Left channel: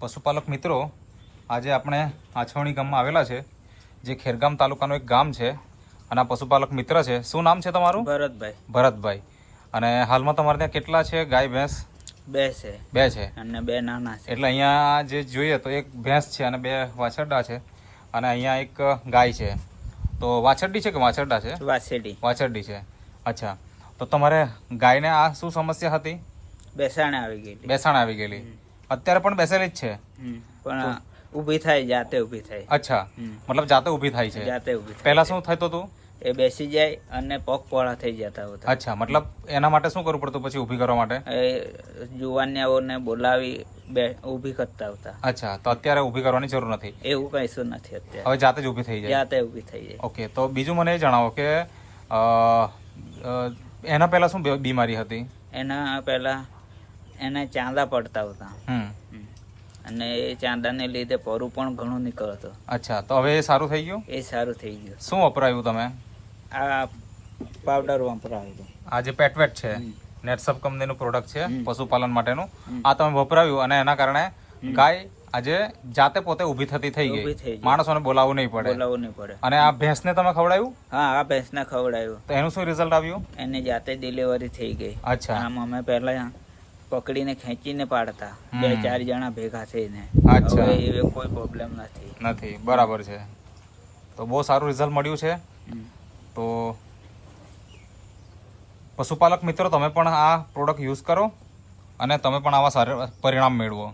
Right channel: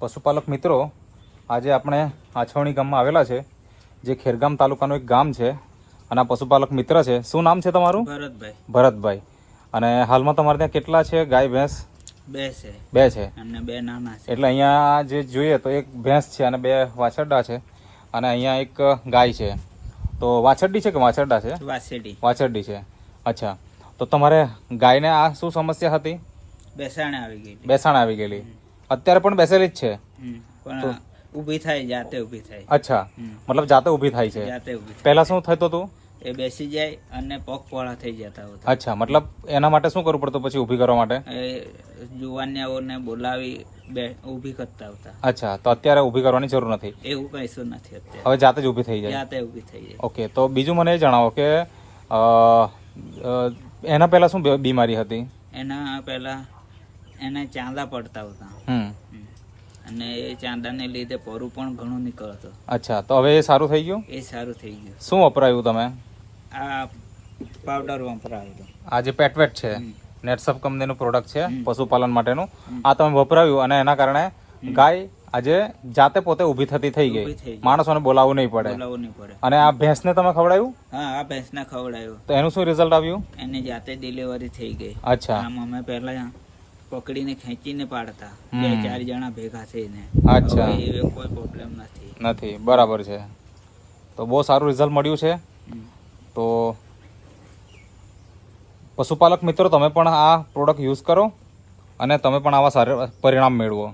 પશુપાલક મિત્રો, આજે આપણે આછવણી ગામમાં આવેલા છે, જે ખેરગામ તાલુકાનું એક ગામ છે. અને આ પશુપાલક મિત્ર છે. શું નામ છે તમારું? ભરતભાઈ. ભરતભાઈ. અને હાલમાં તમારે ત્યાં કેટલા છે ગાય ભેંસ? બે છે અને બે નાના છે. એટલે અહીંયા જે જોઈએ તો એક ભેંસ છે અને બે વાછરડા છે, અને અહીંયા એક ગાય છે. તો વાછરડી છે કે વાછરડા છે? વાછરડી છે. અચ્છા, તો તમારે ગાયને આ શું સમસ્યા હતી? બેસાણ આવી ગયેલી. અત્યારે પણ બેસેલી જ છે, પણ ઊભી થાય, જાતે ઊભી થાય. અચ્છા, મતલબ જાતે ઊભી થાય છે. જાતે ઊભી થાય. પહેલા શું થતું હતું? એ બેસી જાય અને પગ પોળા થઈ જતા હતા. અચ્છા, મતલબ એના માટે શું કરવું પડતું પછી ઊભી કરવા માટે? એ જુવાનિયાઓને બોલાવી ઊભી કરતા હતા. અચ્છા, તો અત્યારે ઊભી કરવાની જરૂર નથી? એવું કશું નથી અત્યારે. હવે જાતે જ ઊભી થઈ જાય? જાતે ઊભી થઈ જાય. ઓકે, તો બીજું મને એ જણાવો કે એના પહેલા શું બીમારી હતી? એના પહેલા એને ચાંદા પડતા હતા, અને એ ચાંદાને લીધે પરું પણ ઘણું નીકળતું. અચ્છા, તો હવે એ સારું થઈ ગયું? એ સારું થઈ ગયું. શું વપરાયું તમે? આ પાવડર વપરાયું. આ જે પેટવેટ છે, નેટસફ કંપનીનું પ્રોડક્ટ છે પશુપાલન માટેનું. આ તમે વપરાયું અને એના કારણે ગાય આજે જાતે પોતે ઊભી થતી થઈ ગઈ. માણસોને બોલાવવું નહીં પડે. અને આ ભેંસને તમે ખવડાવ્યું? હા, આ ભેંસને ખવડાવ્યું. તો એનું શું રિઝલ્ટ આવ્યું? એને જાતે ડિલિવરી થઈ ગઈ. અચ્છા, આમ અમે પહેલા પકડીને ખેંચીને પાડતા, 2-4 જણા ભેગા થઈને. અચ્છા, હવે કોઈ પ્રોબ્લેમ નથી. બરાબર છે. તો બહુ સારું રિઝલ્ટ મળ્યું છે. તો પશુપાલક મિત્રો, તમે પણ આ પ્રોડક્ટ યુઝ કરો અને તમે પણ આવા સારા પરિણામ મેળવો.